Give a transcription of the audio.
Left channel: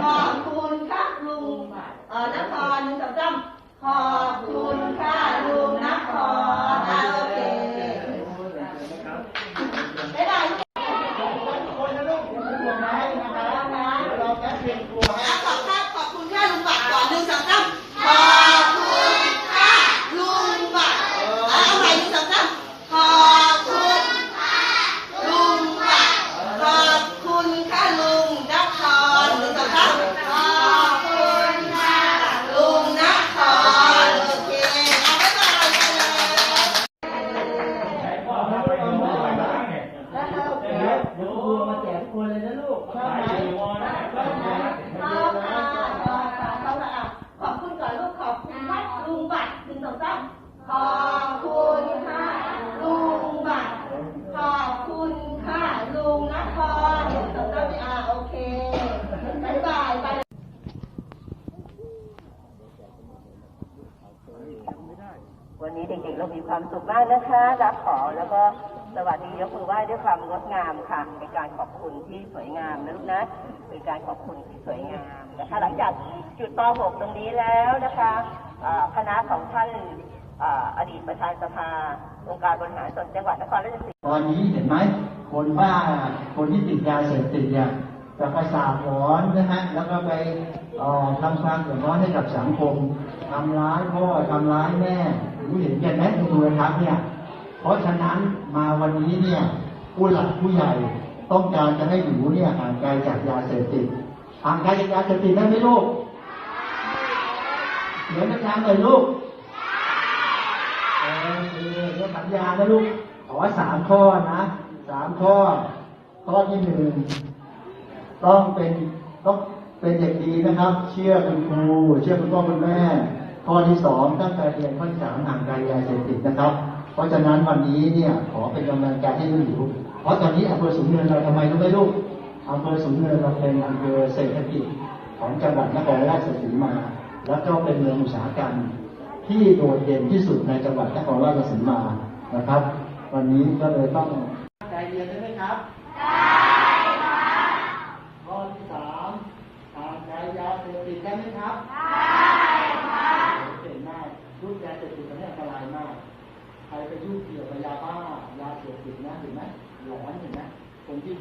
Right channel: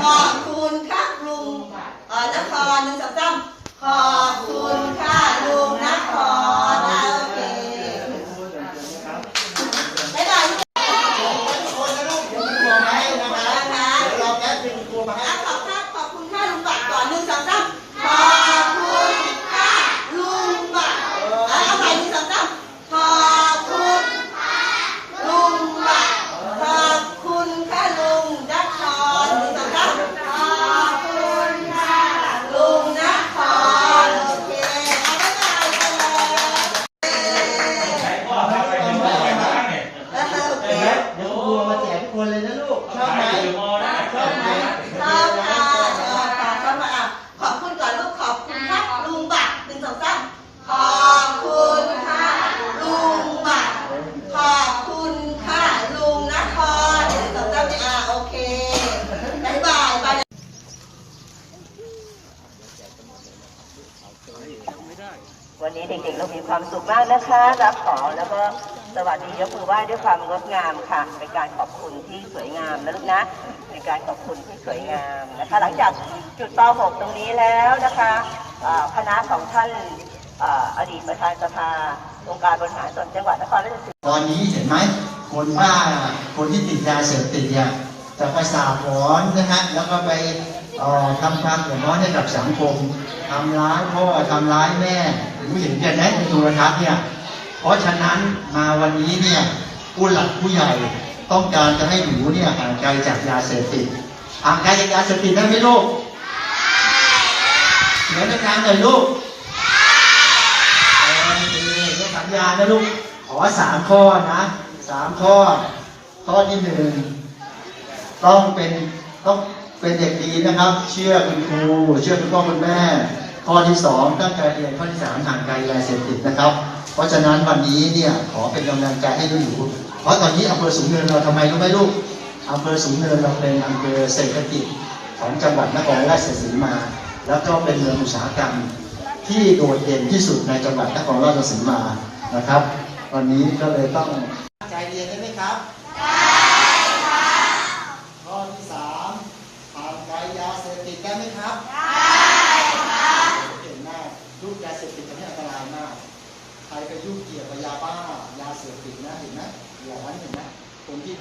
ขอบคุณค่ะลุงนครหนึ่งสองสาม คนเลยนะลูก ชอบไหมชอบไหมชอบค่ะชอบค่ะชอบมาอะขอบคุณก่อนลูกขอบคุณค่ะลุงบัตรหนึ่งสองสามขอบคุณค่ะลุงบัตรขอบคุณค่ะลุงนครหนึ่งสองสามเนี่ยอะโอเคบ๊ายบายไปวันนี้เด็กๆเรามีความสุขมากนะคะรับของแล้วก็ สวัสดียกมือไหว้ด้วยความงดงามค่ะเป็นการขอบคุณที่สวยงามนะลูกนะเป็นการขอบคุณที่สวยงามนะคะ หลังจากจุดป .6 ตรงนี้แล้วนะคะคณะของท่านออดีตประธานสภาองค์การบริหารส่วนจังหวัดนครราชสีมาตอนนี้เห็นไหมคนบ้าคนที่ติดยาเสพติดเนี่ยจะไปสาบหอนนะฮะแล้วก็ไปออทำความเดือดร้อนให้กับสังคมทำร้ายพ่อทำร้ายแม่รู้เห็นกันไหมในโทรทัศน์เนี่ย เพราะฉะนั้นมาวันนี้เนี่ยผู้หลักผู้ใหญ่ต้องการจะให้หนูเนี่ยห่างไกลจากยาเสพติดห่างไกลจากยาเสพติดได้ไหมลูกเดี๋ยวในการหน่อยลูกโอเคเดี๋ยวสัญญานะลูกขอสามข้อนะสามข้อ ข้อที่หนึ่งต้องเป็นต้องเป็นเด็กดีนะครับ เชื่อคุณครูเชื่อคุณพ่อคุณแม่ ข้อที่สองตั้งใจเรียนข้อที่สามห่างไกลยาเสพติดนะครับ เพราะฉะนั้นวันนี้เนี่ยขอเป็นกำลังใจให้หนูเพราะตอนนี้อำเภอสูงเนินเราทำไมรู้ไหมลูกอำเภอสูงเนินเราเป็นอำเภอเศรษฐกิจของจังหวัดนครราชสีมา แล้วก็เป็นเมืองอุตสาหกรรมที่โดดเด่นที่สุดในจังหวัดนครราชสีมานะครับ วันนี้ก็เลยต้องใจเรียนได้ไหมครับข้อที่สามห่างไกลยาเสพติดได้ไหมครับได้ครับเก่งมากลูกยาเสพติดตอนนี้อันตรายมาก ใครไปยุ่งเกี่ยวกับยาบ้า ยาเสพ ติดนะเห็นไหมหลอนเห็นไหมคนที่